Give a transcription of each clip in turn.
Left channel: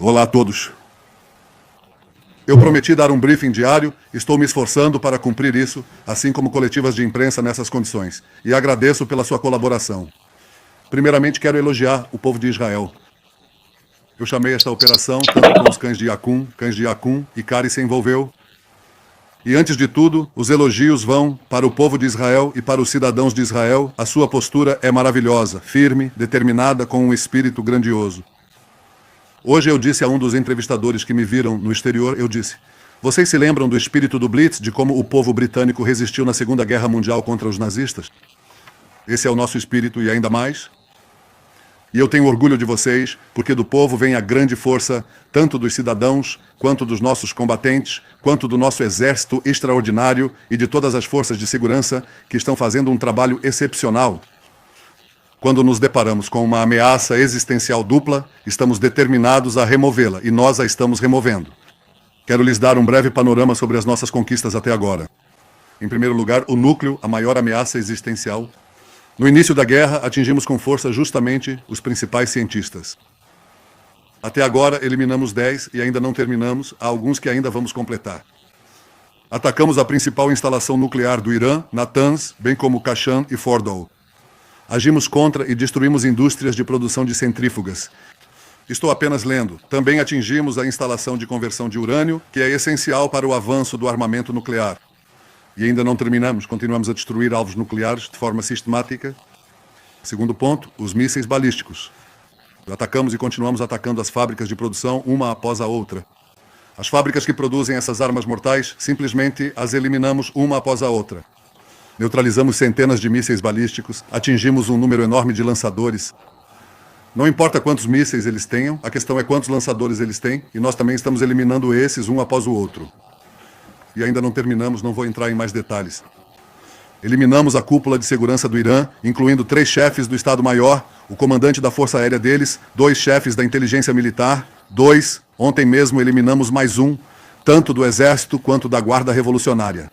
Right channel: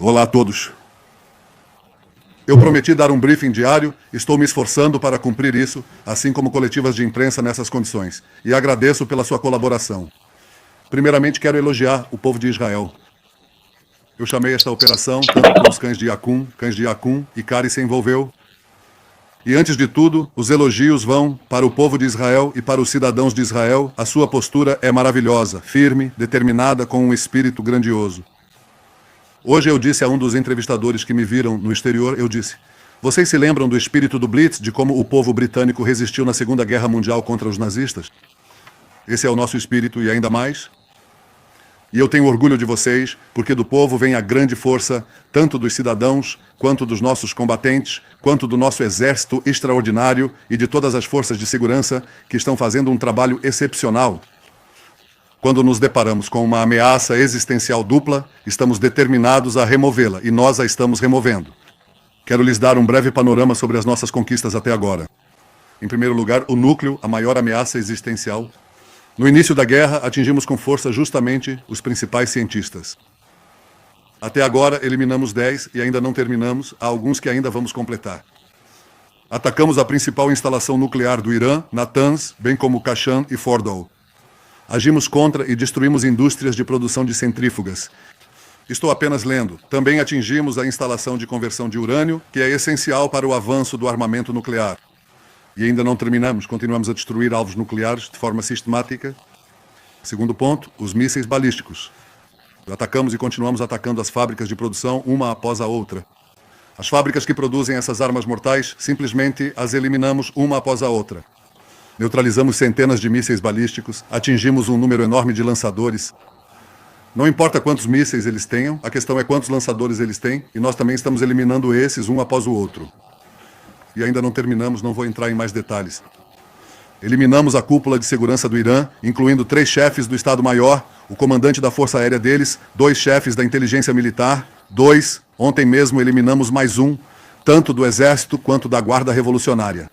Olá a todos. Eu prometi dar um briefing diário, estou me esforçando para cumprir isso, assim como coletivas de imprensa nessas condições, e agradeço pela sua colaboração. Primeiramente, quero elogiar o povo de Israel. Eu chamei esta operação tanto pelos cães de Yakun e Kari se envolveu. E antes de tudo, os elogios vão para o povo de Israel e para os cidadãos de Israel. A sua postura é maravilhosa, firme, determinada, com um espírito grandioso. Hoje eu disse a um dos entrevistadores que me viram no exterior, eu disse: vocês se lembram do espírito do Blitz, de como o povo britânico resistiu na Segunda Guerra Mundial contra os nazistas? Esse é o nosso espírito e ainda mais. E eu tenho orgulho de vocês, porque do povo vem a grande força, tanto dos cidadãos, quanto dos nossos combatentes, quanto do nosso exército extraordinário e de todas as forças de segurança que estão fazendo um trabalho excepcional. Quando nos deparamos com uma ameaça existencial dupla, estamos determinados a removê-la, e nós a estamos removendo. Quero lhes dar um breve panorama sobre as nossas conquistas até agora. Em primeiro lugar, o núcleo, a maior ameaça existencial. No início da guerra, atingimos com força justamente os principais cientistas. Até agora, eliminamos 10 e ainda não terminamos, há alguns que ainda vamos completar. Atacamos a principal instalação nuclear do Irã, Natanz, bem como Kashan e Fordow. Agimos contra e destruímos indústrias de produção de centrífugas. Estou apenas lendo. Também atingimos a instalação de conversão de urânio, que é essencial para o avanço do armamento nuclear. E ainda não terminamos, continuamos a destruir alvos nucleares de forma sistemática. Segundo ponto, os mísseis balísticos. Atacamos e continuamos atacando as fábricas de produção, uma após a outra. As fábricas que produzem essas armas mortais, simplesmente as eliminamos uma após a outra. Neutralizamos centenas de mísseis balísticos, atingimos um número enorme de lançadores. Não importa quantos mísseis eles tenham, a questão é quantos lançadores eles têm, e nós também estamos eliminando esses um após o outro. E ainda não terminamos, não vou entrar em mais detalhes. Eliminamos a cúpula de segurança do Irã, incluindo 3 chefes do Estado-Maior, o comandante da Força Aérea deles, 2 chefes da inteligência militar, 2, ontem mesmo eliminamos mais um, tanto do Exército quanto da Guarda Revolucionária.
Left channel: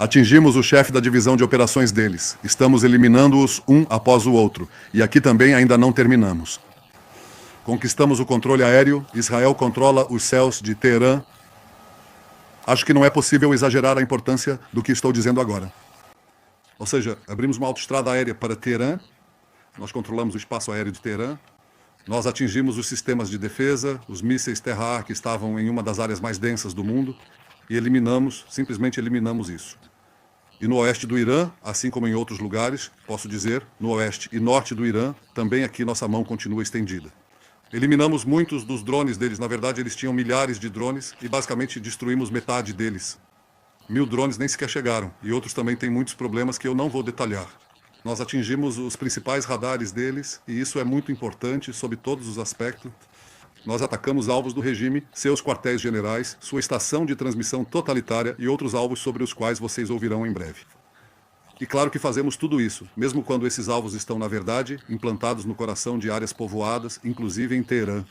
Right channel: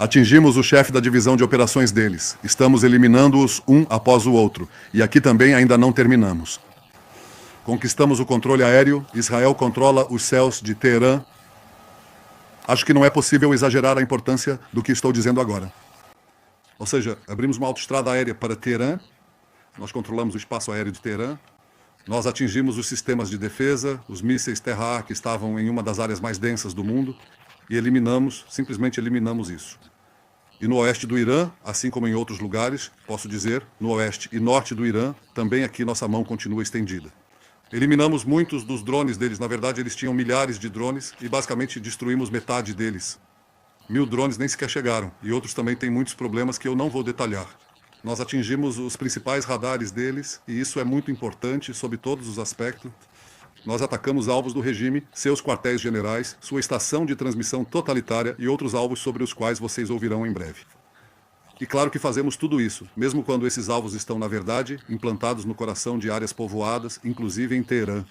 Atingimos o chefe da divisão de operações deles. Estamos eliminando-os um após o outro. E aqui também ainda não terminamos. Conquistamos o controle aéreo, Israel controla os céus de Teherã. Acho que não é possível exagerar a importância do que estou dizendo agora. Ou seja, abrimos uma autoestrada aérea para Teherã, nós controlamos o espaço aéreo de Teherã, nós atingimos os sistemas de defesa, os mísseis terra que estavam em uma das áreas mais densas do mundo, e simplesmente eliminamos isso. E no oeste do Irã, assim como em outros lugares, posso dizer, no oeste e norte do Irã, também aqui nossa mão continua estendida. Eliminamos muitos dos drones deles. Na verdade, eles tinham milhares de drones e basicamente destruímos metade deles. 1000 drones nem sequer chegaram. E outros também têm muitos problemas que eu não vou detalhar. Nós atingimos os principais radares deles e isso é muito importante sob todos os aspectos. Nós atacamos alvos do regime, seus quartéis generais, sua estação de transmissão totalitária e outros alvos sobre os quais vocês ouvirão em breve. E claro que fazemos tudo isso, mesmo quando esses alvos estão, na verdade, implantados no coração de áreas povoadas, inclusive em Teherã.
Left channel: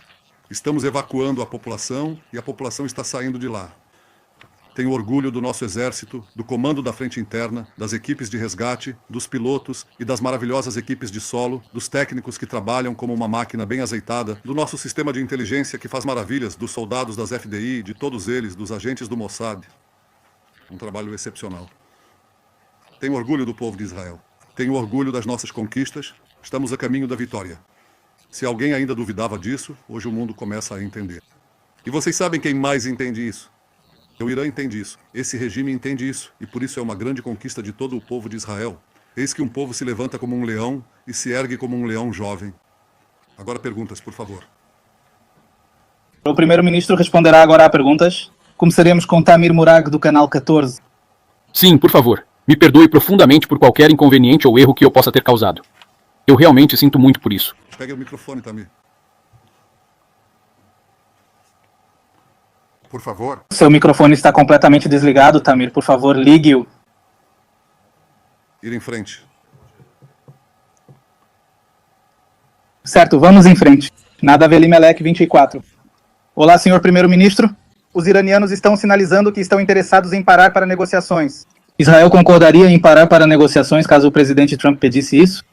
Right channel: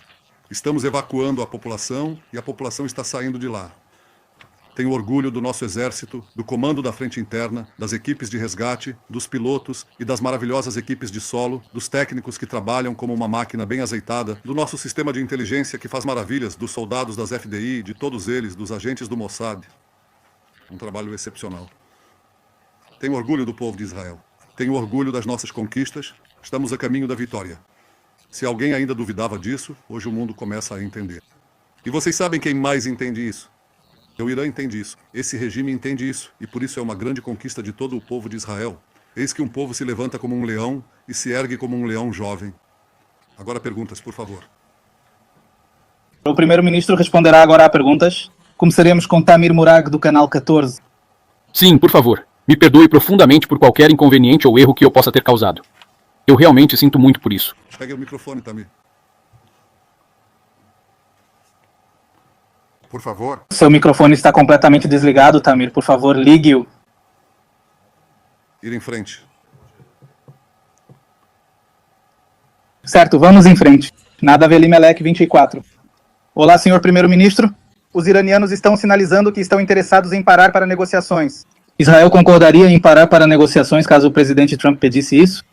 Estamos evacuando a população e a população está saindo de lá. Tenho orgulho do nosso exército, do comando da frente interna, das equipes de resgate, dos pilotos e das maravilhosas equipes de solo, dos técnicos que trabalham como uma máquina bem azeitada, do nosso sistema de inteligência que faz maravilhas, dos soldados das FDI, de todos eles, dos agentes do Mossad. Um trabalho excepcional. Tenho orgulho do povo de Israel. Tenho orgulho das nossas conquistas. Estamos a caminho da vitória. Se alguém ainda duvidava disso, hoje o mundo começa a entender. E vocês sabem quem mais entende isso? O Irã entende isso. Esse regime entende isso. E por isso é uma grande conquista de todo o povo de Israel. Eis que um povo se levanta como um leão e se ergue como um leão jovem. Agora perguntas, por favor. O primeiro-ministro responderá agora a perguntas. Começaremos com Tamir Murag, do Canal 14. Sim, por favor. Me perdoe profundamente por qualquer inconveniente ou erro que eu possa ter causado. Eu realmente sinto muito por isso. Pegue o microfone, Tamir. Por favor. Seu microfone está completamente desligado, Tamir. Por favor, ligue-o. Ir em frente. Certo, vamos em frente. Nadav Elimelech, 24. Olá, senhor primeiro-ministro. Os iranianos estão sinalizando que estão interessados em parar para negociações. Israel concordaria em parar para negociações caso o presidente Trump pedisse isso?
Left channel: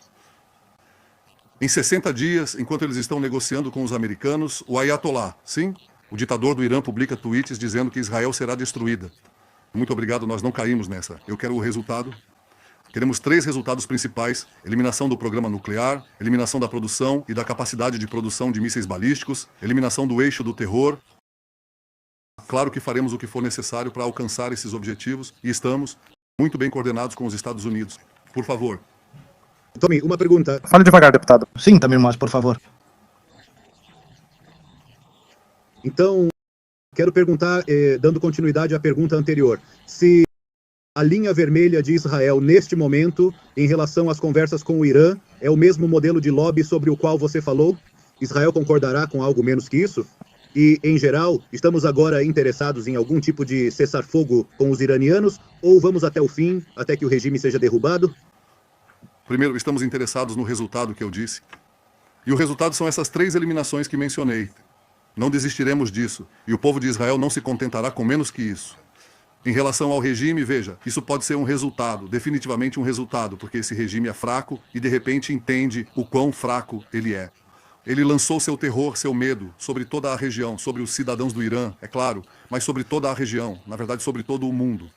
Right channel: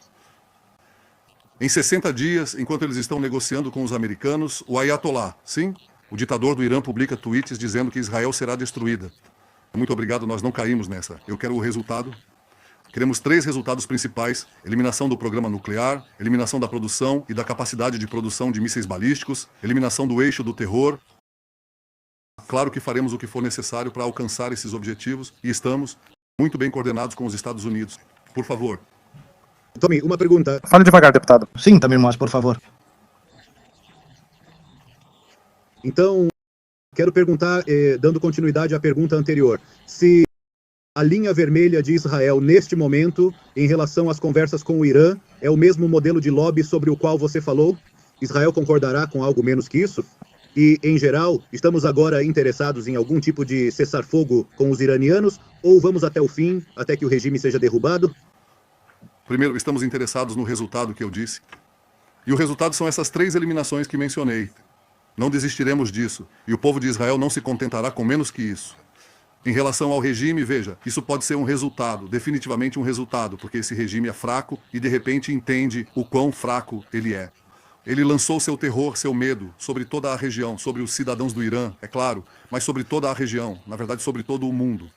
Em 60 dias, enquanto eles estão negociando com os americanos, o Ayatollah, sim, o ditador do Irã, publica tweets dizendo que Israel será destruída. Muito obrigado, nós não caímos nessa. Eu quero o resultado. Queremos 3 resultados principais: eliminação do programa nuclear, eliminação da produção e da capacidade de produção de mísseis balísticos, eliminação do eixo do terror. Claro que faremos o que for necessário para alcançar esses objetivos e estamos muito bem coordenados com os Estados Unidos. Por favor. Tommy, uma pergunta. Fale devagar, deputado. Sim, também, mas por favor. Então, quero perguntar, dando continuidade à pergunta anterior, se a linha vermelha de Israel, neste momento, em relação às conversas com o Irã, é o mesmo modelo de lobby sobre o qual você falou? Israel concordará com algo menos que isso? E, em geral, estamos agora interessados em algum tipo de cessar-fogo com os iranianos, ou vamos até o fim, até que o regime seja derrubado? Primeiro, estamos interessados no resultado que eu disse. E o resultado são essas 3 eliminações que mencionei. Não desistiremos disso. E o povo de Israel não se contentará com menos que isso. Em relação ao regime, veja, isso pode ser um resultado, definitivamente um resultado, porque esse regime é fraco e de repente entende o quão fraco ele é. Ele lançou seu terror, seu medo sobre toda a região, sobre os cidadãos do Irã, é claro, mas sobre toda a região, na verdade sobre todo o mundo.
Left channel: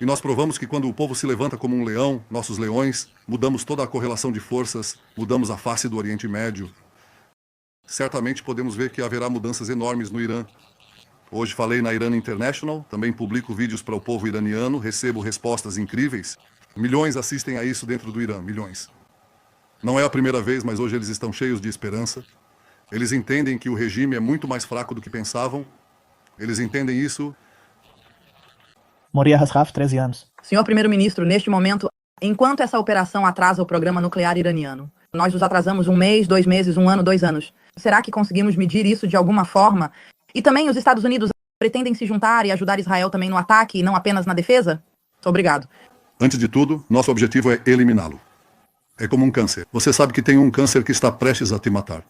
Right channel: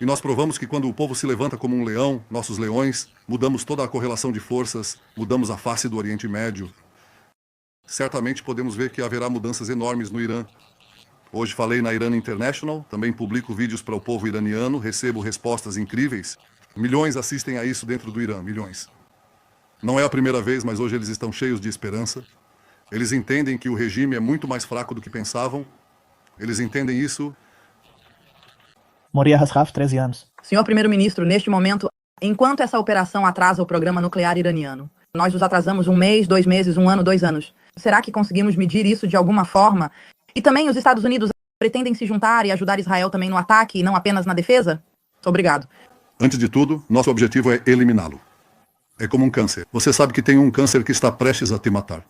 E nós provamos que quando o povo se levanta como um leão, nossos leões, mudamos toda a correlação de forças, mudamos a face do Oriente Médio. Certamente podemos ver que haverá mudanças enormes no Irã. Hoje falei na Iran International, também publico vídeos para o povo iraniano, recebo respostas incríveis. Milhões assistem a isso dentro do Irã, milhões. Não é a primeira vez, mas hoje eles estão cheios de esperança. Eles entendem que o regime é muito mais fraco do que pensavam. Eles entendem isso. Moria Hasraf, 13 anos. Senhor Primeiro-Ministro, neste momento, enquanto essa operação atrasa o programa nuclear iraniano, nós nos atrasamos 1 mês, 2 meses, 1 ano, 2 anos. Será que conseguimos medir isso de alguma forma? E também os Estados Unidos pretendem se juntar e ajudar Israel também no ataque e não apenas na defesa? Muito obrigado. Antes de tudo, nosso objetivo é eliminá-lo. É como um câncer. Você sabe que tem um câncer que está prestes a te matar.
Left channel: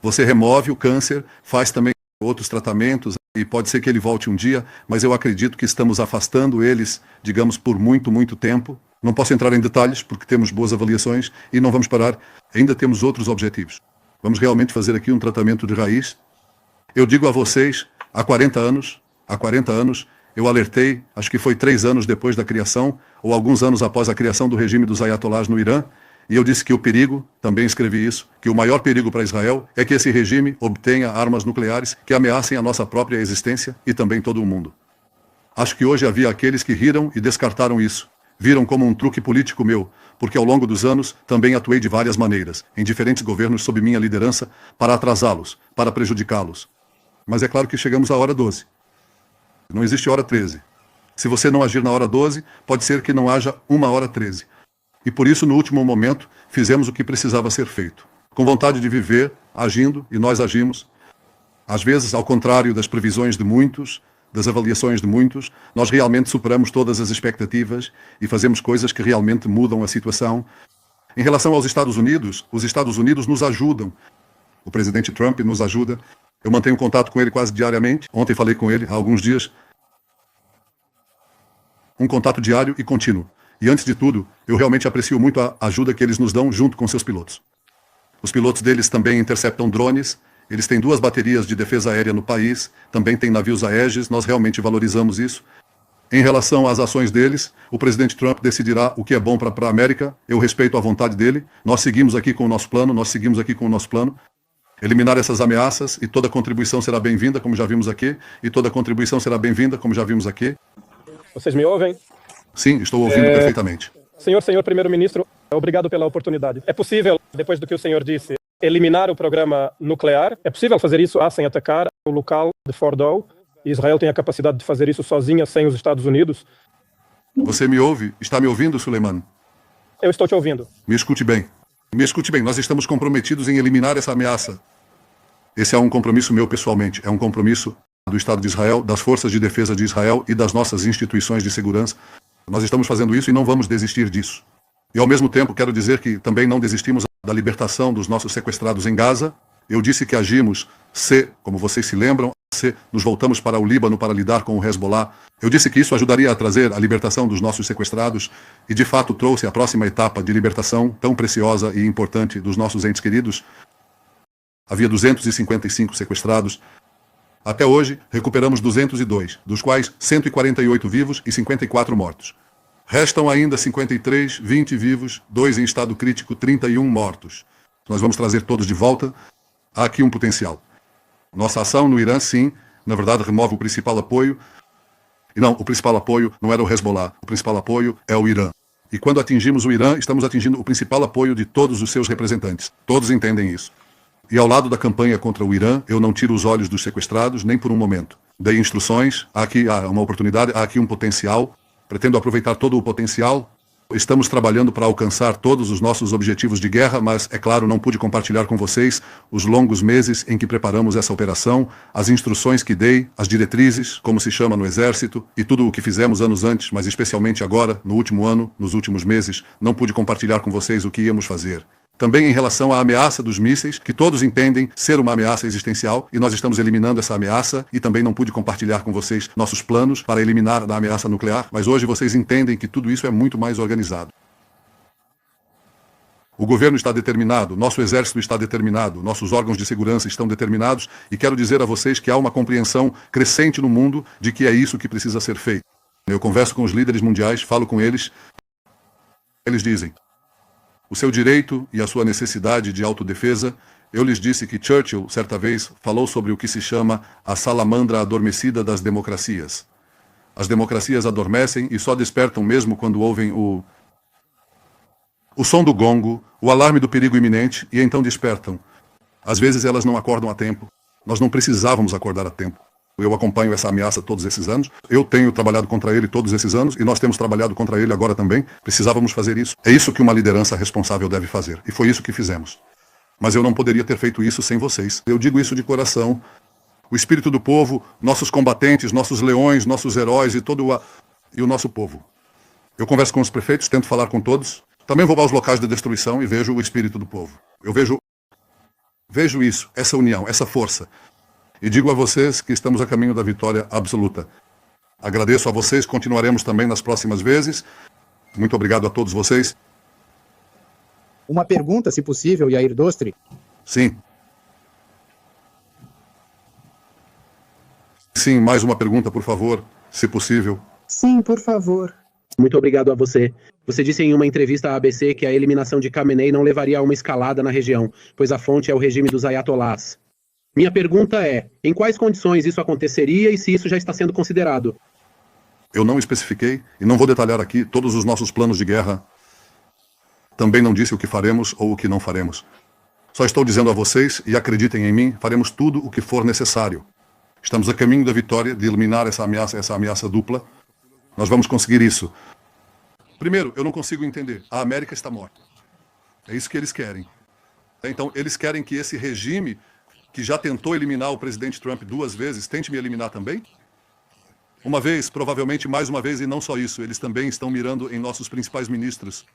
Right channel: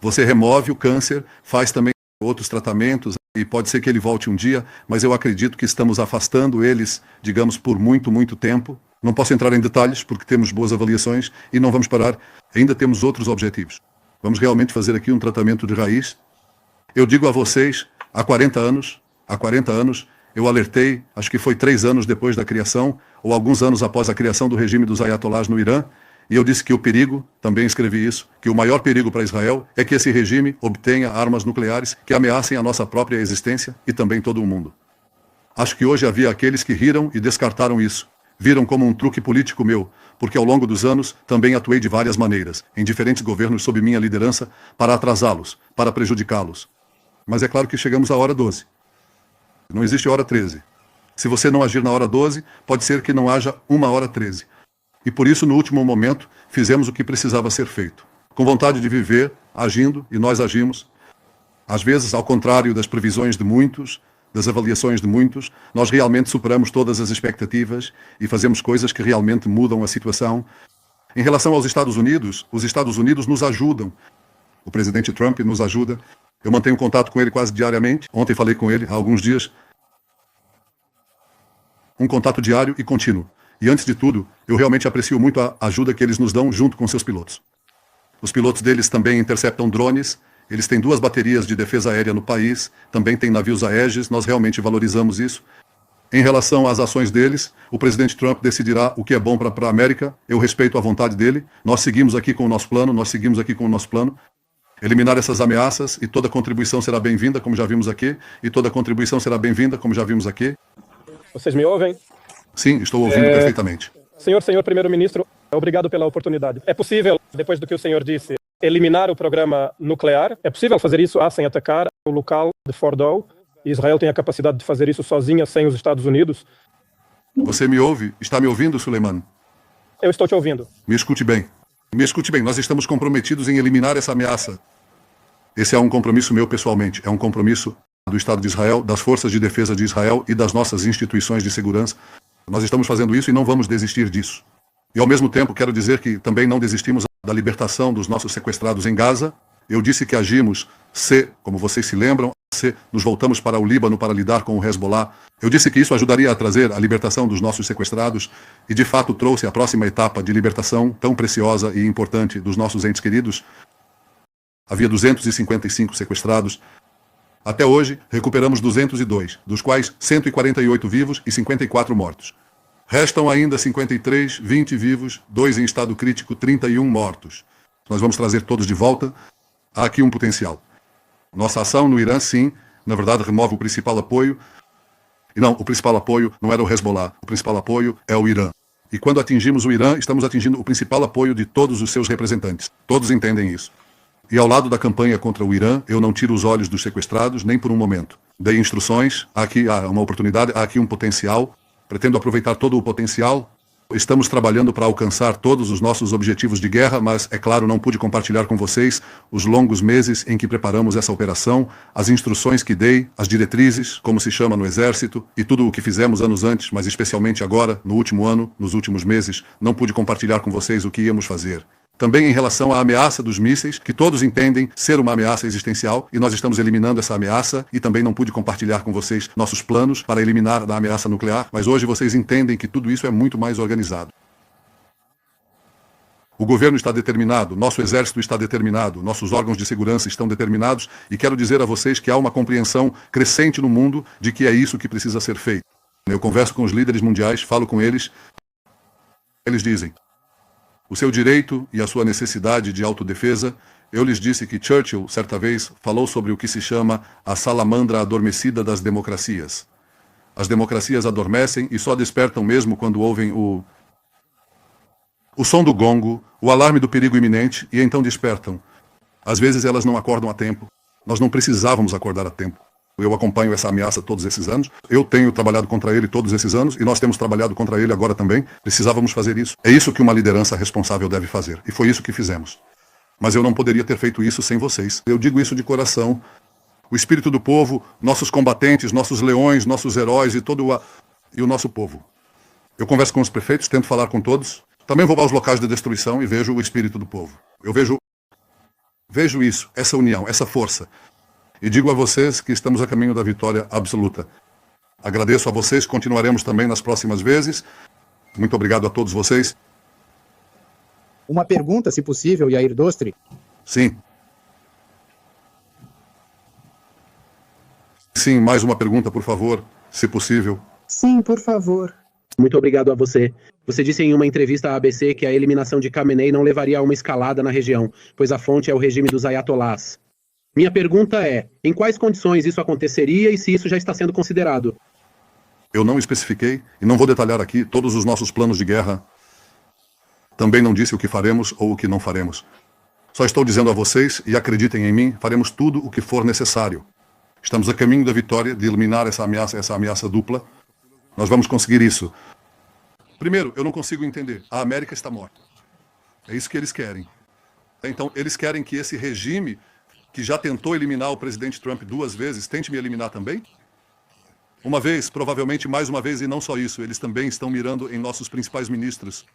Você remove o câncer, faz também outros tratamentos, e pode ser que ele volte um dia, mas eu acredito que estamos afastando eles, digamos, por muito, muito tempo. Não posso entrar em detalhes porque temos boas avaliações e não vamos parar. Ainda temos outros objetivos. Vamos realmente fazer aqui um tratamento de raiz. Eu digo a vocês, há 40 anos, eu alertei, acho que foi 3 anos depois da criação, ou alguns anos após a criação do regime dos Ayatollahs no Irã, e eu disse que o perigo, também escrevi isso, que o maior perigo para Israel é que esse regime obtenha armas nucleares que ameacem a nossa própria existência e também todo o mundo. Acho que hoje havia aqueles que riram e descartaram isso. Viram como um truque político meu, porque ao longo dos anos também atuei de várias maneiras, em diferentes governos sob minha liderança, para atrasá-los, para prejudicá-los. Mas é claro que chegamos à hora 12. Não existe hora 13. Se você não agir na hora 12, pode ser que não haja uma hora 13. E por isso, no último momento, fizemos o que precisava ser feito. Com vontade de viver, agindo, e nós agimos. Às vezes, ao contrário das previsões de muitos, das avaliações de muitos, nós realmente superamos todas as expectativas e fazemos coisas que realmente mudam a situação. Em relação aos Estados Unidos, os Estados Unidos nos ajudam. O presidente Trump nos ajuda. Eu mantenho contato com ele quase diariamente. Ontem falei com ele há alguns dias. Um contato diário e contínuo. E antes de tudo, eu realmente aprecio muito a ajuda que eles nos dão junto com seus pilotos. Os pilotos deles também interceptam drones. Eles têm 2 baterias de defesa aérea no país. Também têm navios Aegis. Nós realmente valorizamos isso. Em relação às ações deles, o presidente Trump decidirá o que é bom para a América. Eu respeito a vontade dele. Nós seguimos aqui com o nosso plano. Eliminar essas ameaças e toda contribuição será bem-vinda, como já vimos aqui. Vocês me ouvem? Sim, estou ouvindo perfeitamente. Senhor Primeiro-Ministro, obrigado pela oportunidade. É possível, depois do que o senhor disse, eliminar o programa nuclear? É possível fazer isso sem atacar o local de Fordow? Israel tem a capacidade de fazer isso sozinha, sem os Estados Unidos? Você me ouve? Está me ouvindo, Suleiman? Eu estou te ouvindo. Me escute bem. Nós estamos comprometidos em eliminar essa ameaça. Esse é um compromisso meu pessoalmente. É um compromisso do Estado de Israel, das forças de defesa de Israel e das nossas instituições de segurança. Nós estamos fazendo isso e não vamos desistir disso. E ao mesmo tempo quero dizer que também não desistimos da libertação dos nossos sequestrados em Gaza. Eu disse que agimos como vocês se lembram, nos voltamos para o Líbano para lidar com o Hezbollah. Eu disse que isso ajudaria a trazer a libertação dos nossos sequestrados e, de fato, trouxe a próxima etapa de libertação tão preciosa e importante dos nossos entes queridos. Havia 255 sequestrados. Até hoje, recuperamos 202, dos quais 148 vivos e 54 mortos. Restam ainda 53, 20 vivos, 2 em estado crítico, 31 mortos. Nós vamos trazer todos de volta. Há aqui um potencial. Nossa ação no Irã, sim, na verdade, remove o principal apoio. E não, o principal apoio não era o Hezbollah. O principal apoio é o Irã. E quando atingimos o Irã, estamos atingindo o principal apoio de todos os seus representantes. Todos entendem isso. E ao lado da campanha contra o Irã, eu não tiro os olhos dos sequestrados, nem por um momento. Dei instruções, há aqui uma oportunidade, há aqui um potencial. Pretendo aproveitar todo o potencial. Estamos trabalhando para alcançar todos os nossos objetivos de guerra, mas, é claro, não pude compartilhar com vocês os longos meses em que preparamos essa operação, as instruções que dei, as diretrizes, como se chama no Exército, e tudo o que fizemos anos antes, mas especialmente agora, no último ano, nos últimos meses, não pude compartilhar com vocês o que íamos fazer. Também em relação à ameaça dos mísseis, que todos entendem ser uma ameaça existencial, e nós estamos eliminando essa ameaça, e também não pude compartilhar com vocês nossos planos para eliminar a ameaça nuclear, mas hoje vocês entendem que tudo isso é muito mais organizado. O governo está determinado, nosso exército está determinado, nossos órgãos de segurança estão determinados, e quero dizer a vocês que há uma compreensão crescente no mundo de que é isso que precisa ser feito. Eu converso com os líderes mundiais, falo com eles, eles dizem: o seu direito e a sua necessidade de autodefesa. Eu lhes disse que Churchill, certa vez, falou sobre o que se chama a salamandra adormecida das democracias. As democracias adormecem e só despertam mesmo quando ouvem o som do gongo, o alarme do perigo iminente, e então despertam. Às vezes elas não acordam a tempo. Nós não precisávamos acordar a tempo. Eu acompanho essa ameaça todos esses anos. Eu tenho trabalhado contra ele todos esses anos e nós temos trabalhado contra ele agora também. Precisávamos fazer isso. É isso que uma liderança responsável deve fazer. E foi isso que fizemos. Mas eu não poderia ter feito isso sem vocês. Eu digo isso de coração. O espírito do povo, nossos combatentes, nossos leões, nossos heróis e e o nosso povo. Eu converso com os prefeitos, tento falar com todos. Também vou aos locais de destruição e vejo o espírito do povo. Eu vejo isso, essa união, essa força. E digo a vocês que estamos a caminho da vitória absoluta. Agradeço a vocês, continuaremos também nas próximas vezes. Muito obrigado a todos vocês. Uma pergunta, se possível, Yair Dostri. Sim. Sim, mais uma pergunta, por favor, se possível. Sim, por favor. Muito obrigado a você. Você disse em uma entrevista à ABC que a eliminação de Khamenei não levaria a uma escalada na região, pois a fonte é o regime dos ayatollahs. Minha pergunta é, em quais condições isso aconteceria e se isso já está sendo considerado? Eu não especifiquei e não vou detalhar aqui todos os nossos planos de guerra. Também não disse o que faremos ou o que não faremos. Só estou dizendo a vocês, e acreditem em mim, faremos tudo o que for necessário. Estamos a caminho da vitória, de eliminar essa ameaça dupla. Nós vamos conseguir isso. Primeiro, eu não consigo entender. A América está morta. É isso que eles querem. Então, eles querem que esse regime que já tentou eliminar o presidente Trump 2 vezes, tente me eliminar também? Uma vez, provavelmente mais uma vez, e não só isso, eles também estão mirando em nossos principais ministros.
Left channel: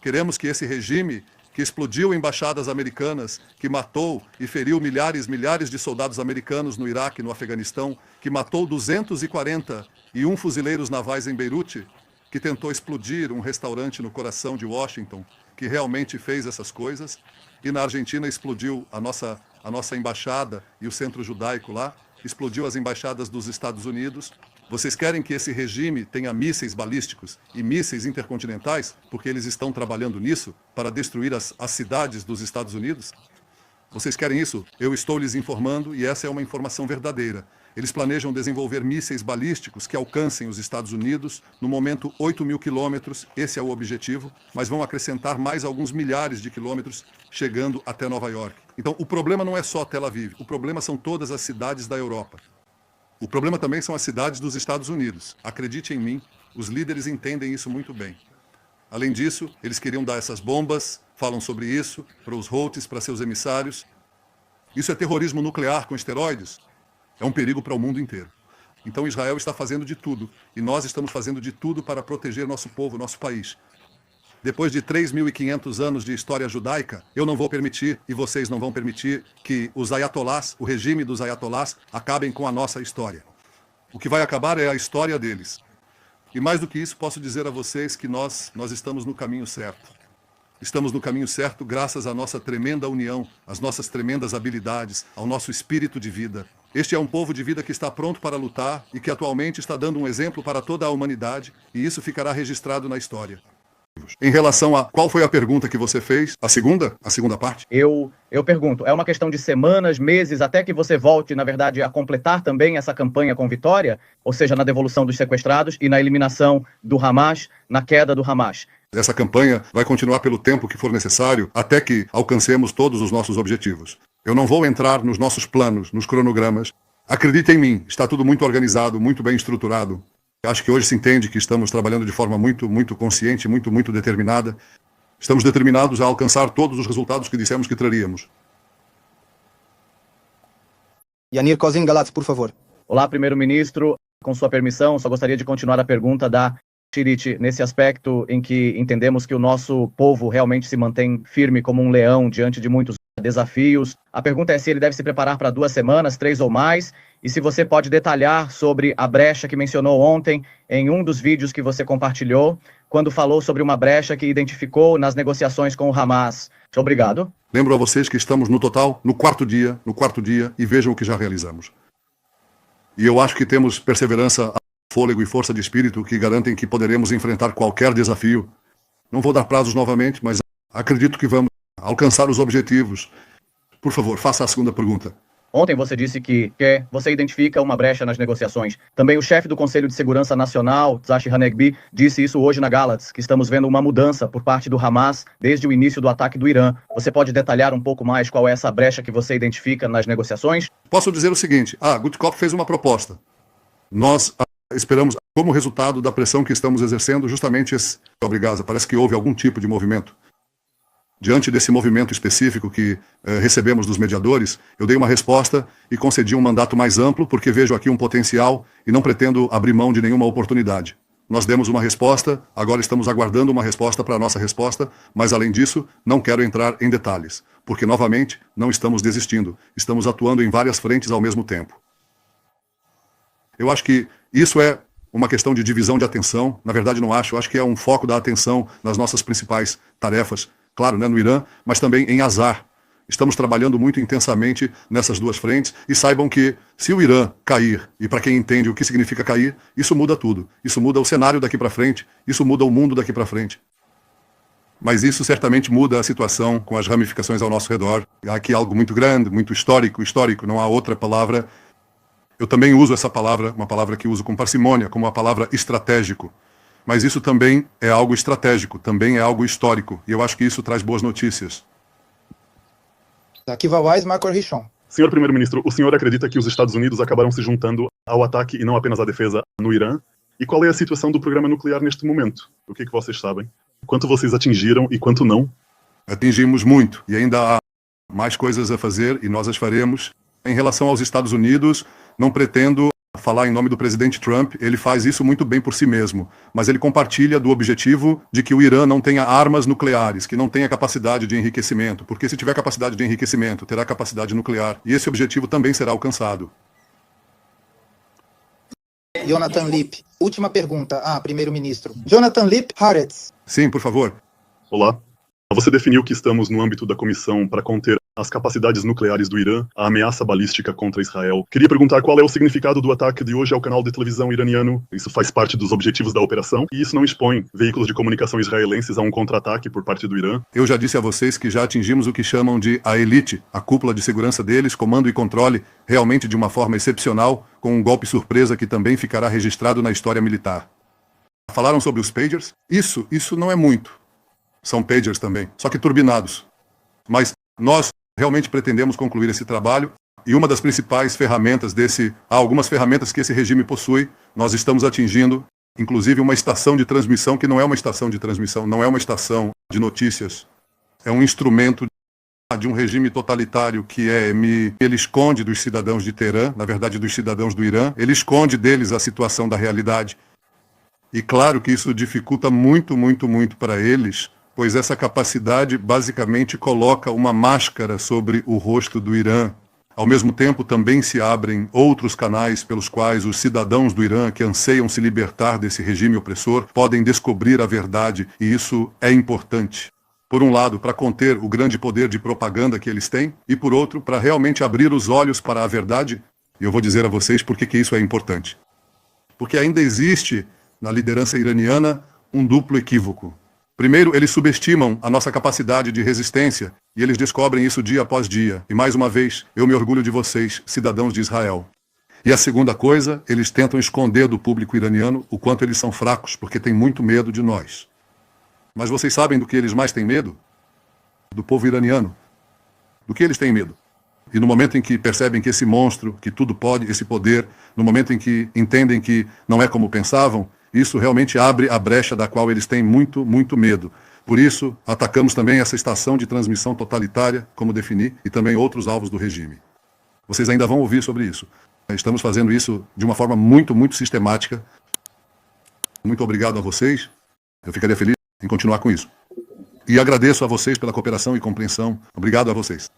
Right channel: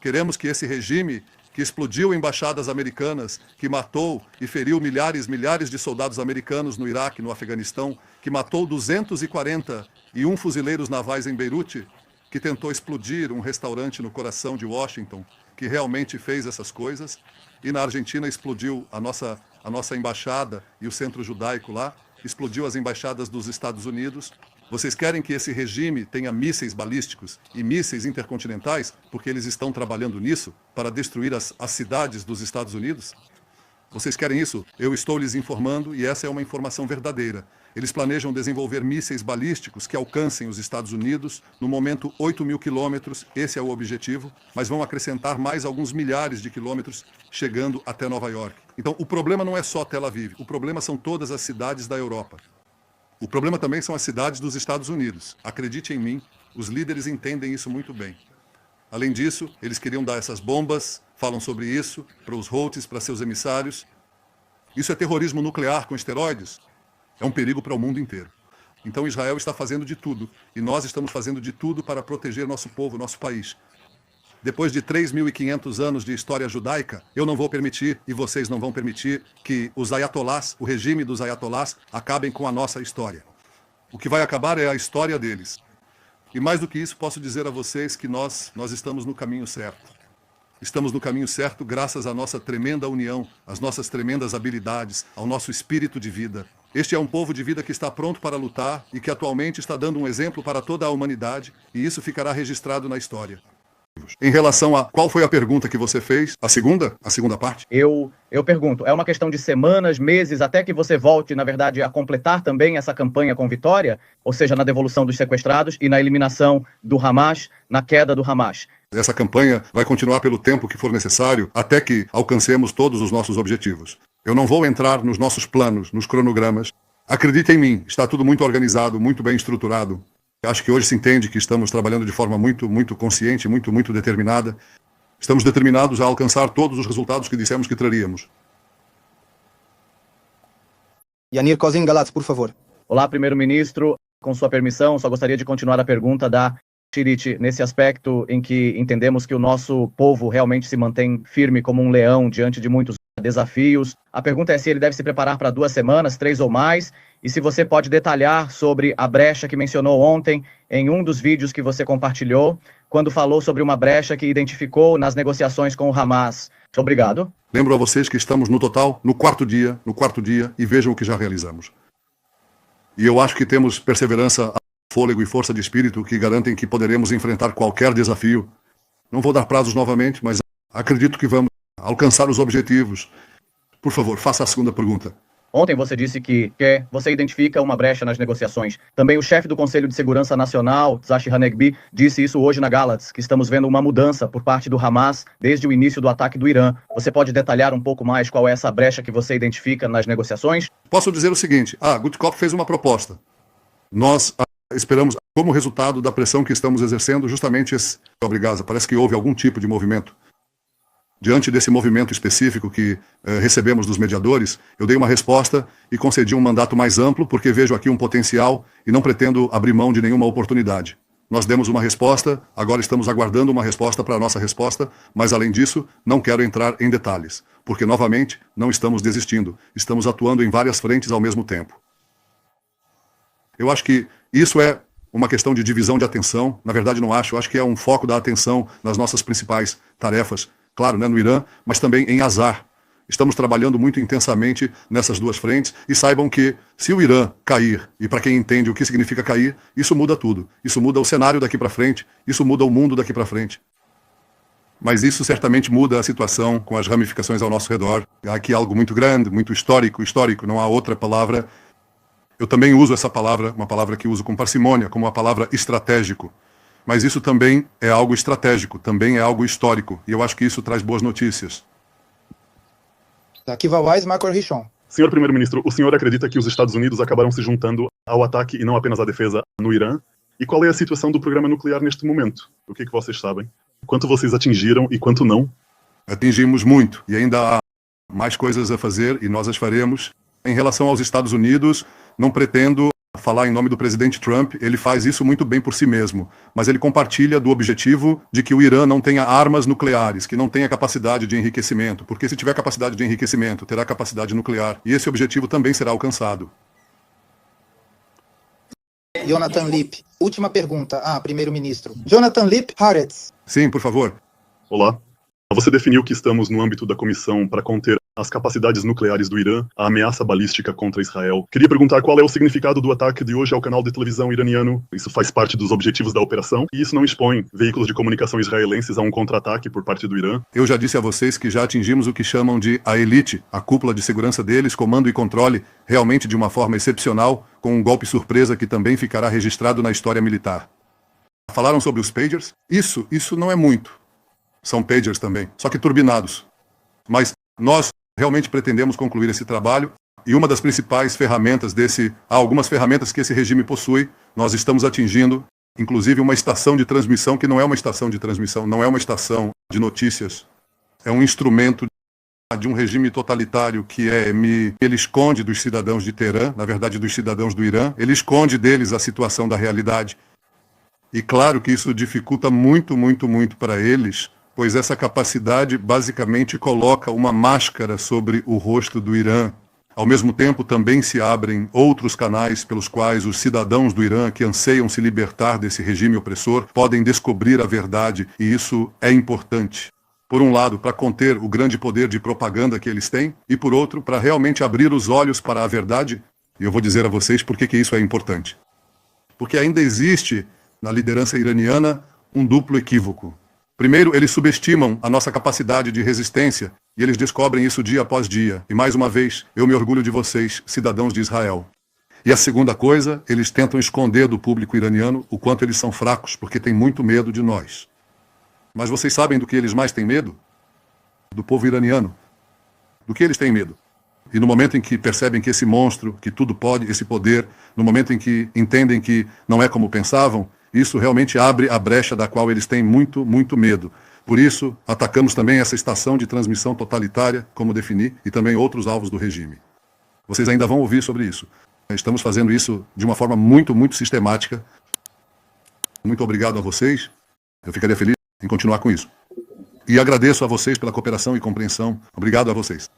Queremos que esse regime que explodiu embaixadas americanas, que matou e feriu milhares de soldados americanos no Iraque, no Afeganistão, que matou 241 fuzileiros navais em Beirute, que tentou explodir um restaurante no coração de Washington, que realmente fez essas coisas, e na Argentina explodiu a nossa embaixada e o centro judaico lá, explodiu as embaixadas dos Estados Unidos. Vocês querem que esse regime tenha mísseis balísticos e mísseis intercontinentais, porque eles estão trabalhando nisso, para destruir as cidades dos Estados Unidos? Vocês querem isso? Eu estou lhes informando e essa é uma informação verdadeira. Eles planejam desenvolver mísseis balísticos que alcancem os Estados Unidos, no momento 8.000 quilômetros, esse é o objetivo, mas vão acrescentar mais alguns milhares de quilômetros, chegando até Nova York. Então, o problema não é só Tel Aviv, o problema são todas as cidades da Europa. O problema também são as cidades dos Estados Unidos. Acredite em mim, os líderes entendem isso muito bem. Além disso, eles queriam dar essas bombas, falam sobre isso, para os Houthis, para seus emissários. Isso é terrorismo nuclear com esteroides? É um perigo para o mundo inteiro. Então Israel está fazendo de tudo, e nós estamos fazendo de tudo para proteger nosso povo, nosso país. Depois de 3.500 anos de história judaica, eu não vou permitir, e vocês não vão permitir, que os ayatolás, o regime dos ayatolás, acabem com a nossa história. O que vai acabar é a história deles. E mais do que isso, posso dizer a vocês que nós estamos no caminho certo. Estamos no caminho certo graças à nossa tremenda união, às nossas tremendas habilidades, ao nosso espírito de vida. Este é um povo de vida que está pronto para lutar e que atualmente está dando um exemplo para toda a humanidade, e isso ficará registrado na história. Em relação a qual foi a pergunta que você fez, a segunda parte? Eu pergunto, é uma questão de semanas, meses, até que você volte, na verdade, a completar também essa campanha com vitória? Ou seja, na devolução dos sequestrados e na eliminação do Hamas, na queda do Hamas? Essa campanha vai continuar pelo tempo que for necessário até que alcancemos todos os nossos objetivos. Eu não vou entrar nos nossos planos, nos cronogramas. Acredite em mim, está tudo muito organizado, muito bem estruturado. Acho que hoje se entende que estamos trabalhando de forma muito consciente, muito determinada. Estamos determinados a alcançar todos os resultados que dissemos que traríamos. Yanir Kozin Galatz, por favor. Olá, primeiro-ministro. Com sua permissão, só gostaria de continuar a pergunta da Shirit, nesse aspecto em que entendemos que o nosso povo realmente se mantém firme como um leão diante de muitos desafios. A pergunta é se ele deve se preparar para 2 semanas, 3 ou mais, e se você pode detalhar sobre a brecha que mencionou ontem em um dos vídeos que você compartilhou, quando falou sobre uma brecha que identificou nas negociações com o Hamas. Muito obrigado. Lembro a vocês que estamos no total no quarto dia, e vejam o que já realizamos. E eu acho que temos perseverança, fôlego e força de espírito que garantem que poderemos enfrentar qualquer desafio. Não vou dar prazos novamente, mas acredito que vamos alcançar os objetivos. Por favor, faça a segunda pergunta. Ontem você disse que você identifica uma brecha nas negociações. Também o chefe do Conselho de Segurança Nacional, Tzachi Hanegbi, disse isso hoje na Galatz, que estamos vendo uma mudança por parte do Hamas desde o início do ataque do Irã. Você pode detalhar um pouco mais qual é essa brecha que você identifica nas negociações? Posso dizer o seguinte, Gutkopf fez uma proposta. Nós esperamos, como resultado da pressão que estamos exercendo, justamente esse... Obrigado, parece que houve algum tipo de movimento. Diante desse movimento específico que recebemos dos mediadores, eu dei uma resposta e concedi um mandato mais amplo, porque vejo aqui um potencial e não pretendo abrir mão de nenhuma oportunidade. Nós demos uma resposta, agora estamos aguardando uma resposta para a nossa resposta, mas além disso, não quero entrar em detalhes, porque novamente não estamos desistindo, estamos atuando em várias frentes ao mesmo tempo. Eu acho que isso é uma questão de divisão de atenção, na verdade não acho, eu acho que é um foco da atenção nas nossas principais tarefas, claro, no Irã, mas também em Azar. Estamos trabalhando muito intensamente nessas 2 frentes e saibam que se o Irã cair, e para quem entende o que significa cair, isso muda tudo. Isso muda o cenário daqui para frente, isso muda o mundo daqui para frente. Mas isso certamente muda a situação com as ramificações ao nosso redor. Há aqui algo muito grande, muito histórico, não há outra palavra. Eu também uso essa palavra, uma palavra que uso com parcimônia, como a palavra estratégico. Mas isso também é algo estratégico, também é algo histórico. E eu acho que isso traz boas notícias. Akiva Wise, Marco Richon. Senhor Primeiro-Ministro, o senhor acredita que os Estados Unidos acabaram se juntando ao ataque e não apenas à defesa no Irã? E qual é a situação do programa nuclear neste momento? O que é que vocês sabem? Quanto vocês atingiram e quanto não? Atingimos muito e ainda há mais coisas a fazer e nós as faremos. Em relação aos Estados Unidos, não pretendo falar em nome do presidente Trump, ele faz isso muito bem por si mesmo, mas ele compartilha do objetivo de que o Irã não tenha armas nucleares, que não tenha capacidade de enriquecimento, porque se tiver capacidade de enriquecimento, terá capacidade nuclear, e esse objetivo também será alcançado. Jonathan Lipp, última pergunta. Primeiro-ministro. Jonathan Lipp, Haaretz. Sim, por favor. Olá. Você definiu que estamos no âmbito da comissão para conter as capacidades nucleares do Irã, a ameaça balística contra Israel. Queria perguntar qual é o significado do ataque de hoje ao canal de televisão iraniano. Isso faz parte dos objetivos da operação e isso não expõe veículos de comunicação israelenses a um contra-ataque por parte do Irã. Eu já disse a vocês que já atingimos o que chamam de a elite, a cúpula de segurança deles, comando e controle, realmente de uma forma excepcional, com um golpe surpresa que também ficará registrado na história militar. Falaram sobre os pagers? Isso não é muito. São pagers também, só que turbinados. Mas nós realmente pretendemos concluir esse trabalho e uma das principais ferramentas há algumas ferramentas que esse regime possui, nós estamos atingindo, inclusive uma estação de transmissão que não é uma estação de transmissão, não é uma estação de notícias, é um instrumento de um regime totalitário que ele esconde dos cidadãos de Teherã, na verdade dos cidadãos do Irã, ele esconde deles a situação da realidade. E claro que isso dificulta muito para eles pois essa capacidade basicamente coloca uma máscara sobre o rosto do Irã. Ao mesmo tempo, também se abrem outros canais pelos quais os cidadãos do Irã que anseiam se libertar desse regime opressor podem descobrir a verdade, e isso é importante. Por um lado, para conter o grande poder de propaganda que eles têm, e por outro, para realmente abrir os olhos para a verdade. E eu vou dizer a vocês por que isso é importante. Porque ainda existe, na liderança iraniana, um duplo equívoco. Primeiro, eles subestimam a nossa capacidade de resistência, e eles descobrem isso dia após dia. E mais uma vez, eu me orgulho de vocês, cidadãos de Israel. E a segunda coisa, eles tentam esconder do público iraniano o quanto eles são fracos, porque têm muito medo de nós. Mas vocês sabem do que eles mais têm medo? Do povo iraniano. Do que eles têm medo? E no momento em que percebem que esse monstro, que tudo pode, esse poder, no momento em que entendem que não é como pensavam, isso realmente abre a brecha da qual eles têm muito, muito medo. Por isso, atacamos também essa estação de transmissão totalitária, como defini, e também outros alvos do regime. Vocês ainda vão ouvir sobre isso. Estamos fazendo isso de uma forma muito, muito sistemática. Muito obrigado a vocês. Eu ficaria feliz em continuar com isso. E agradeço a vocês pela cooperação e compreensão. Obrigado a vocês.